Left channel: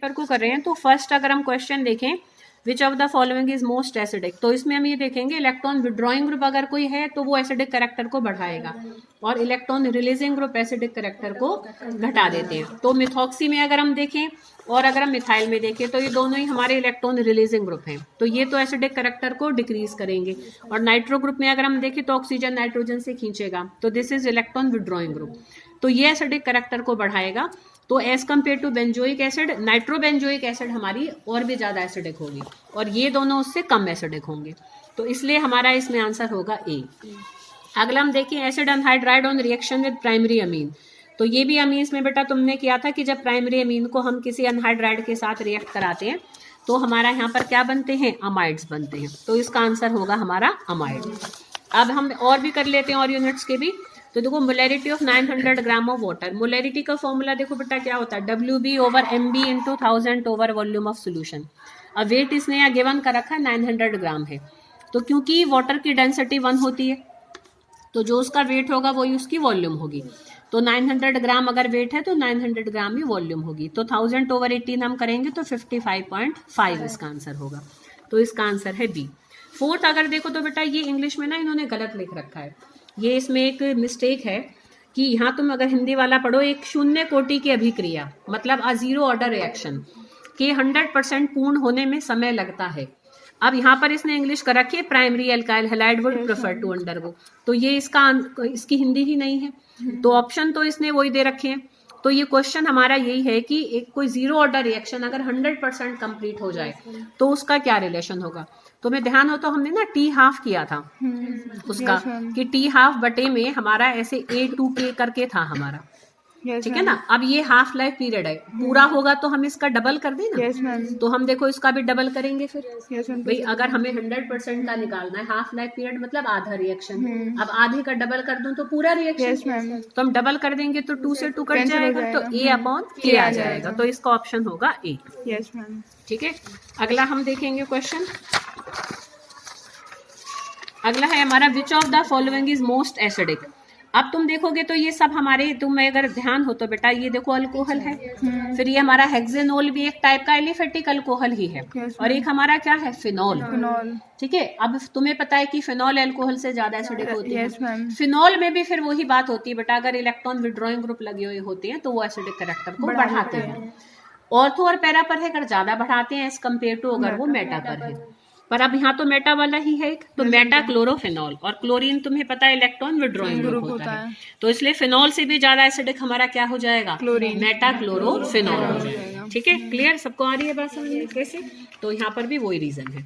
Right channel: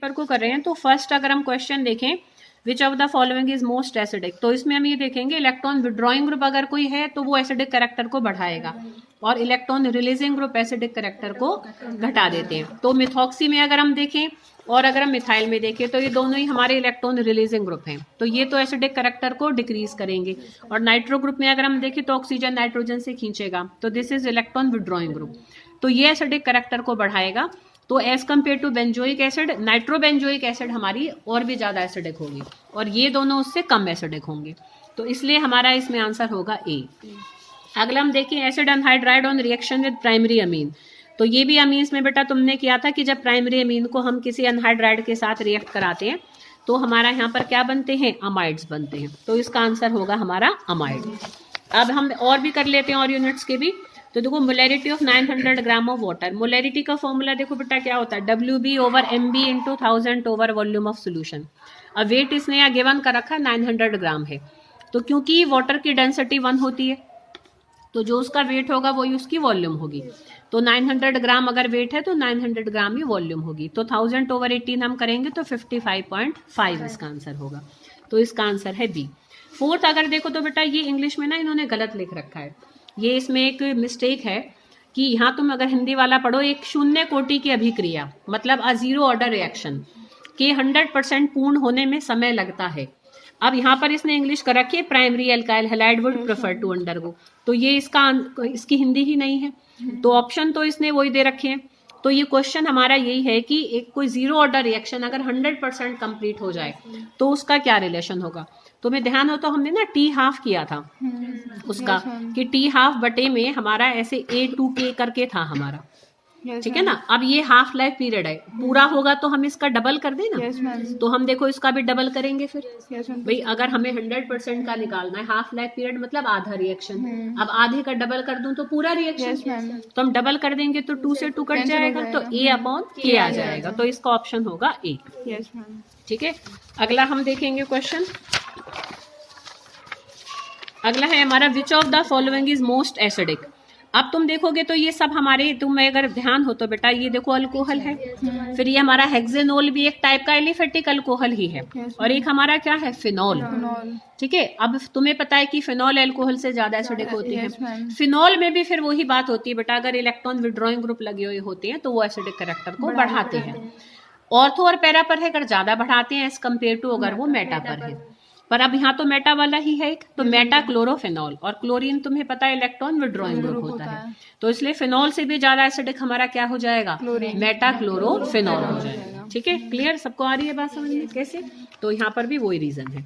Paper को कर रहे हैं तो फर्स्ट अगर हम क्वेश्चन देखें which of the following is most acidic, तो इसमें हम ये देखेंगे इलेक्ट्रॉन विड्रॉइंग ग्रुप अगर कोई है तो वो एसिडिक कैरेक्टर को बढ़ाएगा और electron releasing group acidic character को घटा देते हैं। तो मिथॉक्सी में अगर हम देखें और अगर हम मिथाइल में देखें तो ये दोनों ही हमारे इलेक्ट्रॉन रिलीजिंग ग्रुप हैं, तो ये तो एसिडिक कैरेक्टर को डिक्रीज करेंगे। और नाइट्रो ग्रुप में अगर हम देखें तो ऑक्सीजन नाइट्रोजन से खींचेगा, तो this is electron withdrawing group, तो ये एसिडिक कैरेक्टर को बढ़ाएगा। तो as compare to benzoic acid, nitrobenzoic acid हमारी और भी ज्यादा एसिडिक होगी और ये दोनों उससे कम एसिडिक होंगे, तो इसलिए हमारा इसमें आंसर होगा ए। अगला हम देखिए acid anhydride on reaction with primary amine, तो ये भी अमीन्स में बेटा तुमने किया था कि जब प्राइमरी अमीन को हम किसी अनहाइड्राइड के साथ रिएक्ट कराते हैं तो हमारा यहाँ पर क्या बनते हैं, अमाइड्स बनते हैं, तो इसका आंसर होगा हमारा अमाइड। अब हम और भी कर लेते हैं और यूनिट्स के भी, तो देखो molarity of 900 gram of water, molarity का फॉर्मूला देखो बेटा क्या होता है, WB over MB into 1000 over volume of solution. अब वेट इसने यहाँ गिवन कर रखा है 900 ग्राम है, तो क्योंकि वाटर की डेंसिटी 1 होती है तो जो उसका वेट होगा वही उसकी वॉल्यूम होगी, तो 900 ग्राम अगर वेट है तो 900 ग्राम ही वॉल्यूम होगी, तो 1000 ओवर 18 हम करेंगे तो 55.5 इसका आंसर होगा, तो इसका आंसर है बी। फोर्थ अगर देखो तो बेटा ये इंग्लिश में ना इन्होंने गलत लिख रखा है, ये इसमें एक मिस्टेक है कि यहाँ तुम अगर हिंदी वाला पढ़ो एक शून्य कोटि की अभिक्रिया मतलब अ जीरो ऑर्डर रिएक्शन के 100% पूर्ण होने में समय लगता है। अब यहाँ पर इसने इंग्लिश कर रखी है primary alkyl halide would prefer to undergo, तो ये इसकी हिंदी ही नहीं है, तो ऑप्शन तो इसने वही दे रखे हैं। तो ये क्वेश्चन हमारा यही है कि एक कोई जीरो ऑर्डर रिएक्शन अगर 100% कंप्लीट हो जाए तो उसका क्या रिलेशन होगा। तो मैं ध्यान हो तो हमने ना टी हाफ किया था उसका कि टी हाफ बटे में हमारा ऐसे A2K करके था हमारा, ठीक है ना। अब ये हाफ लाइफ पीरियड है, पूरा होगा तो हम इसका डबल कर दें ना, तो हम देखो इसका भी डबल करेंगे फिर भाई, अगर हमें 100% का निकालना है हाफ लाइफ पीरियड मतलब आधा रिएक्शन, अब आधे का डबल कर दूं तो पूरा रिएक्शन, तो हम डबल कर देंगे तो 2 से 2 कट जाएगा तो A/K आ जाएगा, तो इसका ऑप्शन होगा ए। ठीक है, अगला हम देखेंगे क्वेश्चन, अगला है हमारा which of the following is most acidic. अब तुम देखोगे तो ये सब हमारे, तुम्हें अगर ध्यान हो तो बेटा ये देखो अल्कोहल है, फिर ये हमारा हेक्सेनोल भी एक टाइप का एलिफेटिक अल्कोहल ही है, और एक हमारा क्या है फिनॉल। ठीक है, अब तुम्हें पता है कि फिनॉल अल्कोहल से ज्यादा एसिडिक होती है। फिनॉल में भी फिर वही बात होती है बेटा, अगर इलेक्ट्रॉन विड्रॉइंग ग्रुप लगे हुए होते हैं तो वो एसिडिक कैरेक्टर को बढ़ाते हैं। ऑर्थो और पैरा पर है अगर ज्यादा बढ़ाते हैं एज कम्पेयर टू अगर वो मेटा पर है, पर अब यहाँ तो मेटा वाला ही है एक, तो मेटा क्लोरोफिनॉल, और क्लोरीन तुम्हें पता है इलेक्ट्रॉन विड्रॉइंग ग्रुप होता है, तो इसलिए फिनॉल से भी ज्यादा एसिडिक हमारा क्या हो जाएगा, मेटा क्लोरोफिनॉल हो जाएगा। ठीक है, क्लियर, सबको आ रही है बात समझ में कैसे, तो यहाँ पर भी वही रीजन है।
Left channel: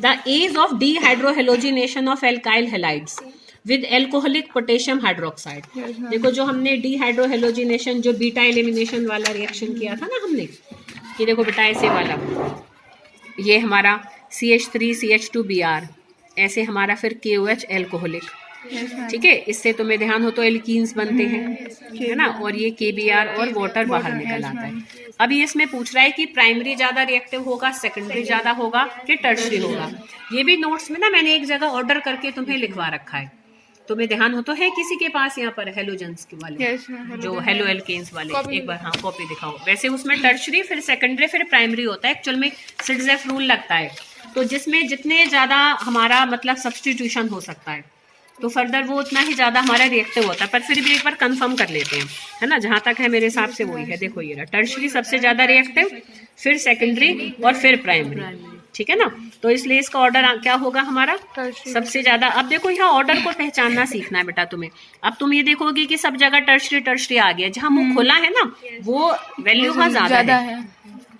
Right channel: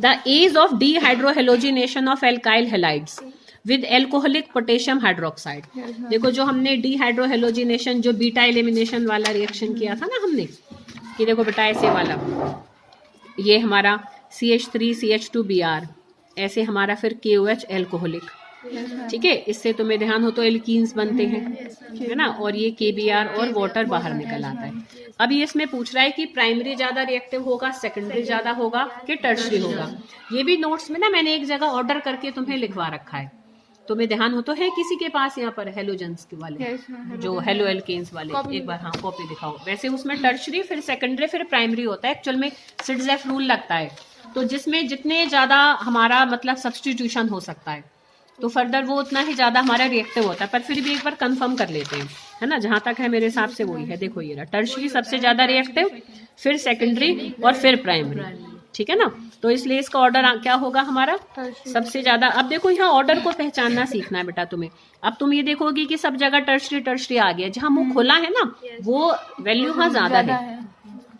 The ease of dehydrohalogenation of alkyl halides with alcoholic potassium hydroxide. देखो जो हमने डीहाइड्रोहेलोजिनेशन जो बीटा एलिमिनेशन वाला रिएक्शन किया था ना हमने, कि देखो बेटा ऐसे वाला, ये हमारा CH3CH2Br, ऐसे हमारा फिर KOH एल्कोहलिक, ठीक है, इससे तुम्हें ध्यान हो तो एल्कीन्स बनते हैं, है ना, और ये KBr और वाटर बाहर निकल आता है। अब ये इसमें पूछ रहा है कि प्राइमरी ज्यादा रिएक्टिव होगा, सेकेंडरी ज्यादा होगा कि टर्शरी होगा। ये भी नोट्स में ना मैंने एक जगह ऑर्डर करके तुम्हें लिखवा रखा है, तुम्हें ध्यान हो तो है किसी के पास यहाँ पर हेलोजेंस के वाले जो हेलो एल्केन्स वाले, एक बार हाँ कॉपी दिखाओ। वैसे उसमें टर्शरी फिर सेकेंडरी फिर प्राइमरी होता है, एक्चुअल में सिडजेफ रूल लगता है, तो जिसमें जितने ज्यादा हमारा मतलब सब्सटीट्यूशन हो सकता है तो फर्दर वो उतना ही ज्यादा हमारा रिएक्टिव होता है। पर फिर भी एक बार कंफर्म कर लेते हैं, है ना, जहां तक है मेरे हिसाब से वही है। देखो ये रहा, टर्शरी सबसे ज्यादा रिएक्टिव, फिर सेकेंडरी और फिर प्राइमरी, ठीक है ना, तो इसलिए इसका ऑर्डर क्या होगा हमारा सबसे ज्यादा। अब देखो यहाँ ऑर्डर को पहचानना सीखना है बेटा तुम्हें। अब तुम ये देखोगे कि सब जगह टर्शरी टर्शरी आ गया, जहाँ मुंह खुला है ना वो वैल्यू वहाँ ज्यादा है,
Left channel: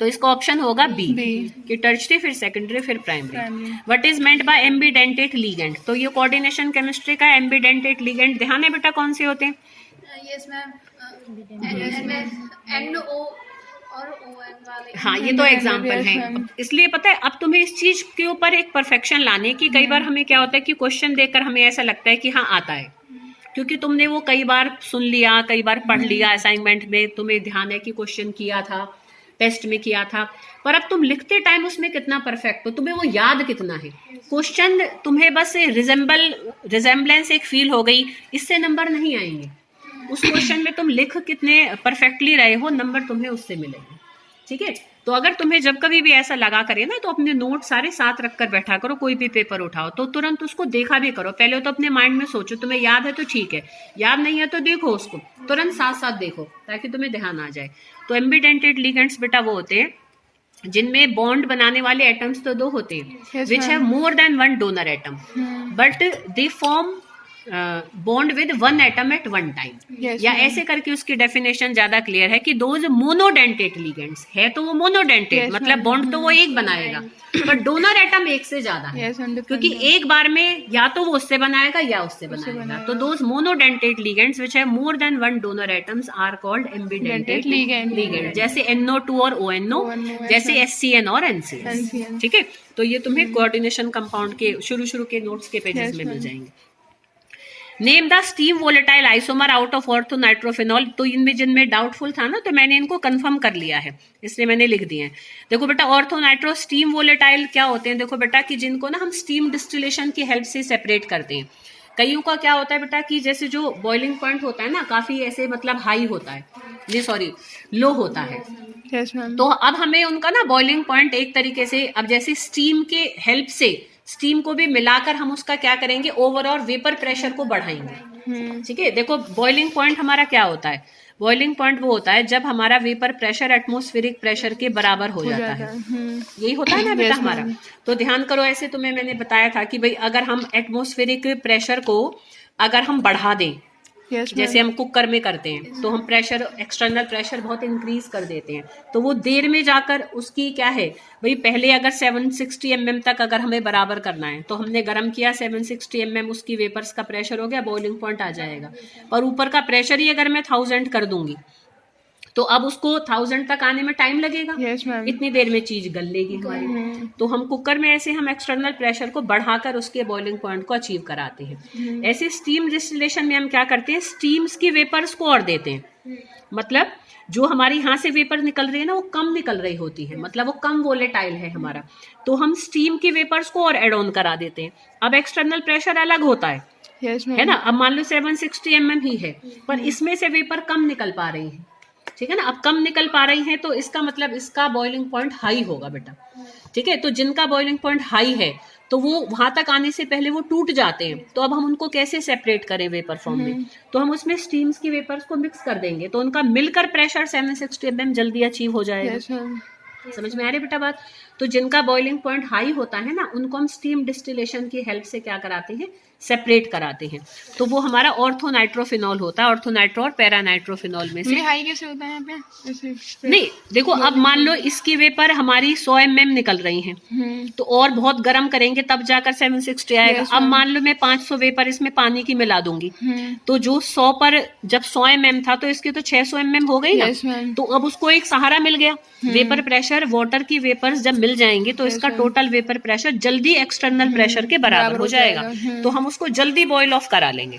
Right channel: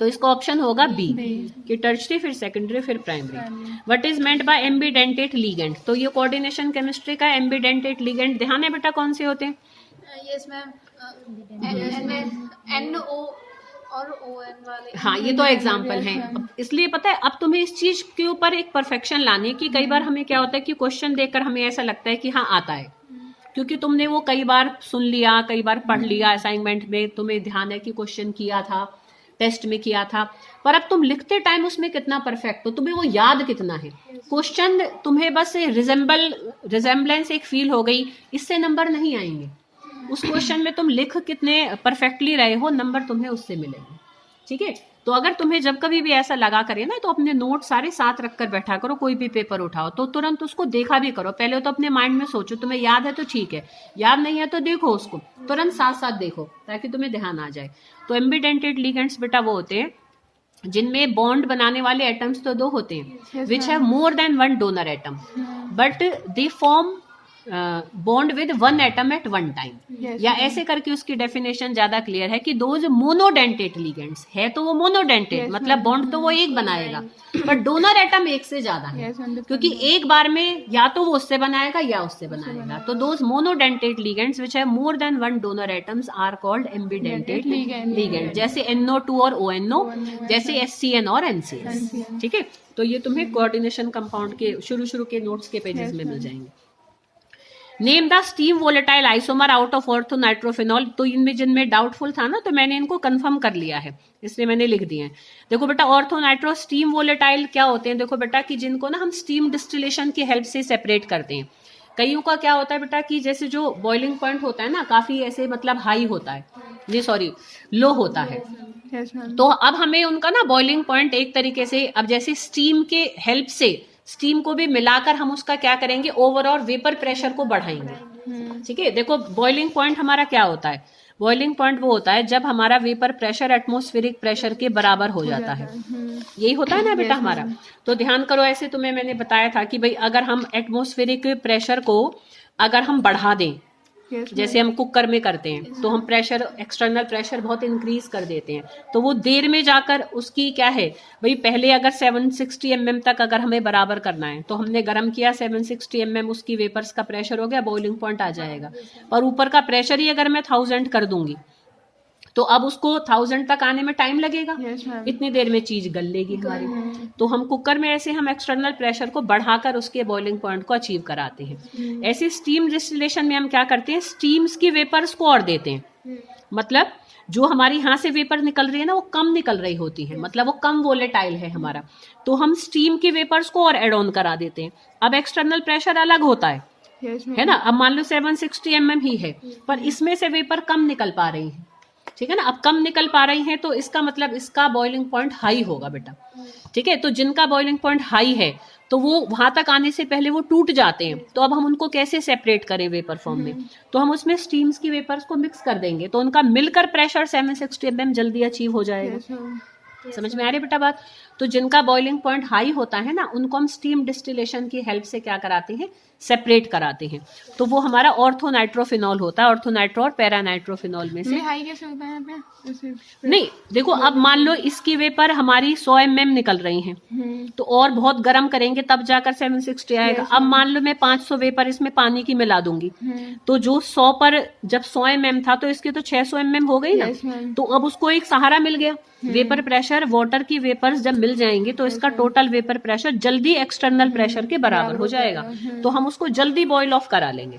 तो इसका ऑप्शन होगा बी कि टर्शरी फिर सेकेंडरी फिर primary. What is meant by ambidentate ligand, तो ये कोऑर्डिनेशन केमिस्ट्री का एम्बिडेंटेट लिगेंड, ध्यान है बेटा कौन से होते हैं। यस मैम, NO और ON वाले। हाँ ये तो एग्जाम्पल है, इसलिए पता है अब तुम्हें इस चीज के ऊपर एक परफेक्शन लाने की। कई बार हमें क्या होता है कि क्वेश्चन देखकर हमें ऐसा लगता है कि हाँ आता है, क्योंकि तुमने वो कई बार सुन लिया, कई बार पढ़ लिया, असाइनमेंट में तुम्हें ध्यान है कि क्वेश्चन किया था, टेस्ट में किया था, पर अब तुम लिखते टाइम उसमें कितना परफेक्ट हो, तुम्हें वो याद कितना है। क्वेश्चन तुम्हें बस रिजेम्बलेंस एक फील हो गई, इससे नंबर नहीं आएंगे। उस क्वेश्चन में तुम लिख कितने परफेक्टली रहे हो, नंबर तुम्हें उससे मिलेंगे। ठीक है। तो अगर तुम्हें जब कभी भी ऐसा लगा करे ना, तो अपने नोट सारे साथ रखकर बैठा करो, कोई भी पेपर उठाओ तो तुरंत उसको देखा भी करो। पहले तो अपने माइंड में सोचो, तुम्हें याद है तो ठीक है, याद नहीं है तो देखो उसको, तुरंत साथ साथ देखो ताकि तुम्हें ध्यान आ जाए। तो एम्बिडेंटेड लिगेंड्स बेटा वो होते हैं जिनमें बॉन्ड बनाने वाले एटम्स तो दो होते हैं, विच have more than one donor atom, but they form bond with one atom at one time. या ऐसे करके उसकी डेफिनेशन ज्यादा क्लियर है कि दोज मोनोडेंटेट लिगेंड्स है, तो वो मोनोडेंटेट मतलब बॉन्ड तो वो एक बनाएगा, पर डोनर एटम एक से ज्यादा है, क्योंकि एक बार में या तो वो उससे बनाएगा या उससे बनाएगा। तो those monodentate ligands which have more than one donor atoms are called ambidentate ligand, जैसे NO2 और ONO, जैसे SCN और NCN। ठीक है, तो ये तुम्हें कोऑर्डिनेशन कंपाउंड के शुरू के नोट्स के पेजेस में मिल जाएंगे। Name the steam volatile isomer out of ortho nitrophenol. तो इनमें जिनमें डाउटफुल था ना, तो मैंने इनको कंफर्म कर लिया है, इसलिए मैंने लिख दिए हैं। देखो बेटा, ऑर्थो नाइट्रो स्टीम वोलेटाइल क्या होते हैं? देखो बेटा कि जिनको ना हम स्टीम डिस्टिलेशन की हेल्प से सेपरेट करते हैं। कईयों का क्या होता है बेटा कि जैसे जो बॉइलिंग पॉइंट होता है ना, काफी ऐसे मतलब हाई होता है, जी सॉरी लो होता है। तो अब हमें उनका ना बॉइलिंग पॉइंट एक तरीके से, अब जैसे स्टीम के हेल्प से स्टीम को भी मिलाकर हम उसका क्या करेंगे, ओवरऑल वेपर प्रेशर को बढ़ाएंगे। ठीक है, देखो बॉइलिंग पॉइंट हमारा क्या होता है? बॉइलिंग पॉइंट वो होता है जब हमारा वेपर प्रेशर एटमॉस्फेरिक प्रेशर के बराबर हो जाता है, यही होता है ना बेटा हमारा। तो ध्यान करो, ऐसे तुम्हें मैंने बताया था कि भाई अगर हम एटमॉस्फेरिक प्रेशर को अगर हम बढ़ा दें, जैसे हम कुकर में करते हैं, तो हम प्रेशर, एक्सटर्नल प्रेशर बहुत इंक्रीज कर देते हैं, तो वो देर में जाकर उसकी क्या है भाई, पहले अगर 760 mm तक अगर हमें बराबर करना है, तो हमने गर्म किया 760 mm, उसकी वेपर्स का प्रेशर हो गया, बॉइलिंग पॉइंट आ जाएगा। और ऊपर का प्रेशर ही अगर मैं 1000 कर दूंगी, तो अब उसको 1000 तक आने में टाइम लगेगा। इतनी देर में चीज गल लेगी हमारी। तो हम कुकर में ऐसे हम एक्सटर्नल प्रेशर को बढ़ाकर उसके बॉइलिंग पॉइंट को अचीव कराते हैं। ऐसे स्टीम डिस्टिलेशन में हम क्या करते हैं, स्टीम्स की वेपर्स को और देते हैं, मतलब जो हमारी यहाँ से वेपर निकल रही है ना, वो कम निकल रही होती है, मतलब वो कम वोलेटाइल है हमारा, तो हम स्टीम की वेपर्स को और एड ऑन करा देते हैं। अब एक्सटर्नल प्रेशर अलग होता है, है ना। अब मान लो 760 mm ही है, पर इसमें से वेपर कम निकल पा रही है, ठीक है ना। अब कम निकल पा रही हैं, तो इसका मतलब इसका बॉइलिंग पॉइंट हाई होगा बेटा। ठीक है, तो जिनका बॉइलिंग पॉइंट हाई है, तो वो वहां तक आने से पहले वो टूट जाते हैं। तो अब हम उनको कैसे सेपरेट करें वेपर फॉर्म में? तो हम उसमें स्टीम्स की वेपर्स को मिक्स कर देंगे, तो उनका मिलकर प्रेशर 760 mm जल्दी अचीव हो जाएगा। समझ में आ रही बेटा बात? तो जिनका बॉइलिंग पॉइंट हाई होता है ना, उनको हम स्टीम डिस्टिलेशन की हेल्प से क्या कराते हैं, सेपरेट कराते हैं। तो वो हमारा ऑर्थो नाइट्रोफिनॉल होता है, ऑर्थो नाइट्रो और पैरा नाइट्रोफिनॉल में से। हाई कैसे होता है यहाँ पे? नहीं देखो, अब मान लो इसकी वेपर हमारी 100 mm निकल रही हैं, तो और बहुत गर्म करेंगे तब जाकर 760 आएगा। अब मान लो मैं 500 वेपर इसमें पानी की मिला दूंगी, तो जो 100 पर जब 100 mm था, तो इसकी तो 600 mm हो गई ना। तो अब उसको एक सहारा मिल गया, वेपर प्रेशर, वाटर की वेपर्स जब मिल जाएंगे, तो इसका टोटल वेपर प्रेशर जल्दी एक्सटर्नल प्रेशर के बराबर हो जाएगा। तो हम उसको जल्दी बॉईल ऑफ करा लेंगे।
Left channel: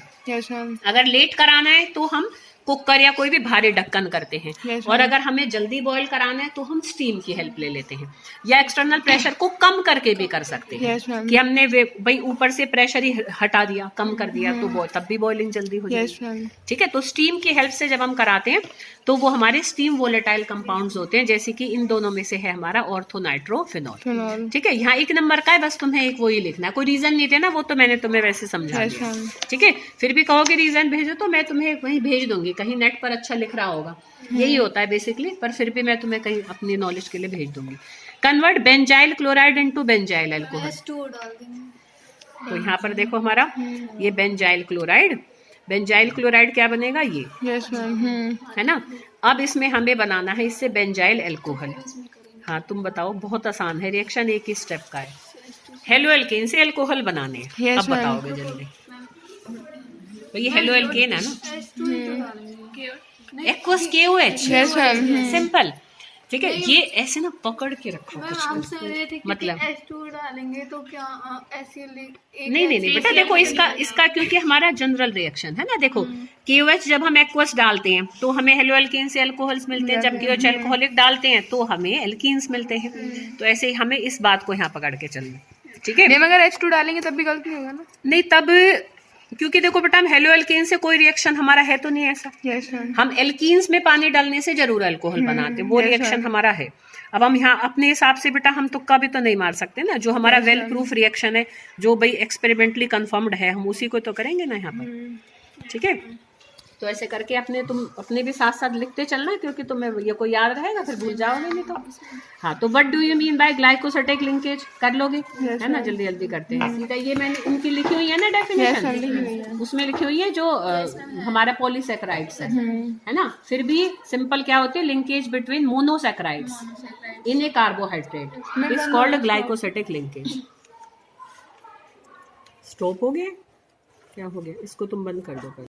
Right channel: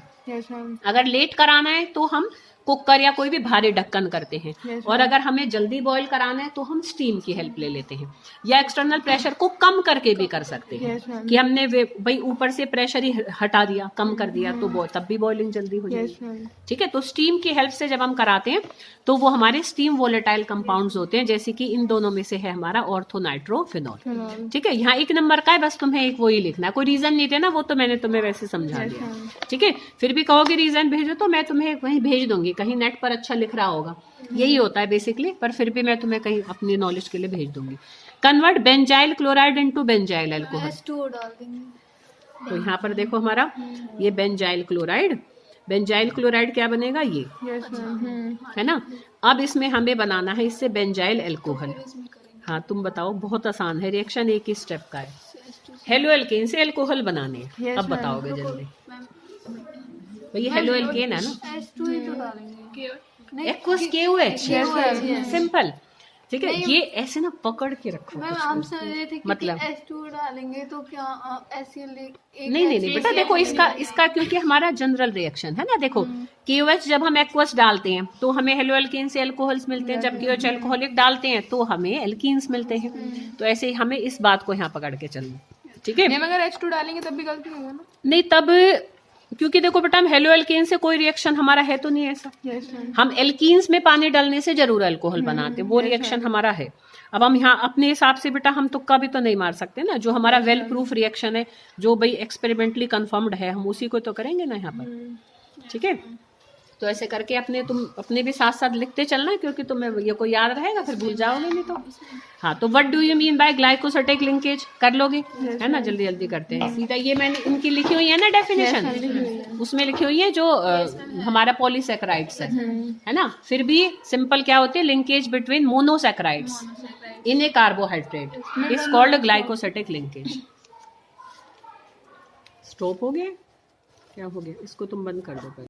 अगर लेट कराना है तो हम कुकर या कोई भी भारी ढक्कन करते हैं, और अगर हमें जल्दी बॉईल कराना है तो हम स्टीम की हेल्प ले लेते हैं, या एक्सटर्नल प्रेशर को कम करके भी कर सकते हैं कि हमने भाई ऊपर से प्रेशर ही हटा दिया, कम कर दिया, तो तब भी बॉइलिंग जल्दी हो जाएगी। ठीक है, तो स्टीम की हेल्प से जब हम कराते हैं, तो वो हमारे स्टीम वोलेटाइल कंपाउंड्स होते हैं, जैसे कि इन दोनों में से है हमारा ऑर्थो नाइट्रोफिनॉल। ठीक है, यहाँ एक नंबर का है, बस तुम्हें एक वो ही लिखना है, कोई रीजन नहीं देना, वो तो मैंने तुम्हें वैसे समझा दिया। ठीक है, फिर भी कहोगे रीजन भेजो, तो मैं तुम्हें वहीं भेज दूंगी, कहीं नेट पर अच्छा लिख रहा होगा, यही होता है बेसिकली, पर फिर भी मैं तुम्हें कहीं अपनी नॉलेज के लिए भेज दूंगी। Convert benzyl chloride into benzyl alcohol. तो यहाँ पर देखो हमारा ये बेंजाइल क्लोराइड, बेंजाइल क्लोराइड क्या बनेगा, ये है ना। अब इसमें हमें बनाना है इससे बेंजाइल अल्कोहल। हाँ तुम बताओ, बहुत आसान है, रिएक्शन एक ही स्टेप का है। हेलो एल्केन से अल्कोहल बनाने हैं, अब बताओगे जल्दी। तो ये हेलो एल्केन है ना, एक्वस KOH, सिंपल। ठीक है, ये ऐसे ना पकड़ के रखो कुछ, मतलब H2 डालेंगे तो क्या नहीं बेटा, देखो इसका क्योंकि हमारा जनरल रिएक्शन है ना। देखो KOH जब हम एक्वस डालते हैं तो हमें हेलो एल्केन से अल्कोहल्स मिलते हैं, जब KOH अल्कोहलिक डालते हैं तो हमें एल्कीन्स मिलते हैं। तो ऐसे ही हमें इस बात को यहाँ पकड़ के चलना। ठीक है, अगर H2 डालेंगे तब भी गलती होगा ना? नहीं, तब क्योंकि देखो बेटा हम हेलो एल्केन से कोई रिएक्शन हमारा है तो नहीं ऐसा। Yes sir. हम एल्कीन्स में पानी डालने से जरूर अल्कोहल बनाते हैं, वो रिएक्शन हमारा है। अब हम यहाँ अपने हिसाब से बेटा हम तुक्का भी तो नहीं मार सकते ना, जो हमारा वेल प्रूफ रिएक्शन है, जो भाई एक्सपेरिमेंटली कंफर्म्ड है, हम उसी को तो करेंगे ना यहाँ पर। ठीक है, तो ऐसे करके तुम अपने भी साथ साथ लिखते चलना, क्योंकि तुम्हें ये कोई याद रहेगा फिर भूल जाओगे नहीं तो। हाँ, तो what do you mean by glycosidic linkage, कर लोगे है ना, जल्दी जल्दी करते हैं। सीधा ये मैंने इनकी लिखी हुई है ना डेफिनेशन, उसमें लिखी हुई है जो हमारा पॉलीसैकेराइड्स है ना। फिर भी सिंपल क्या होती है, linkage between monosaccharides in A carbohydrate is called glycosidic linkage. Stop हो गया, क्या हो गया, इसको तुम बंद कर दो पहले।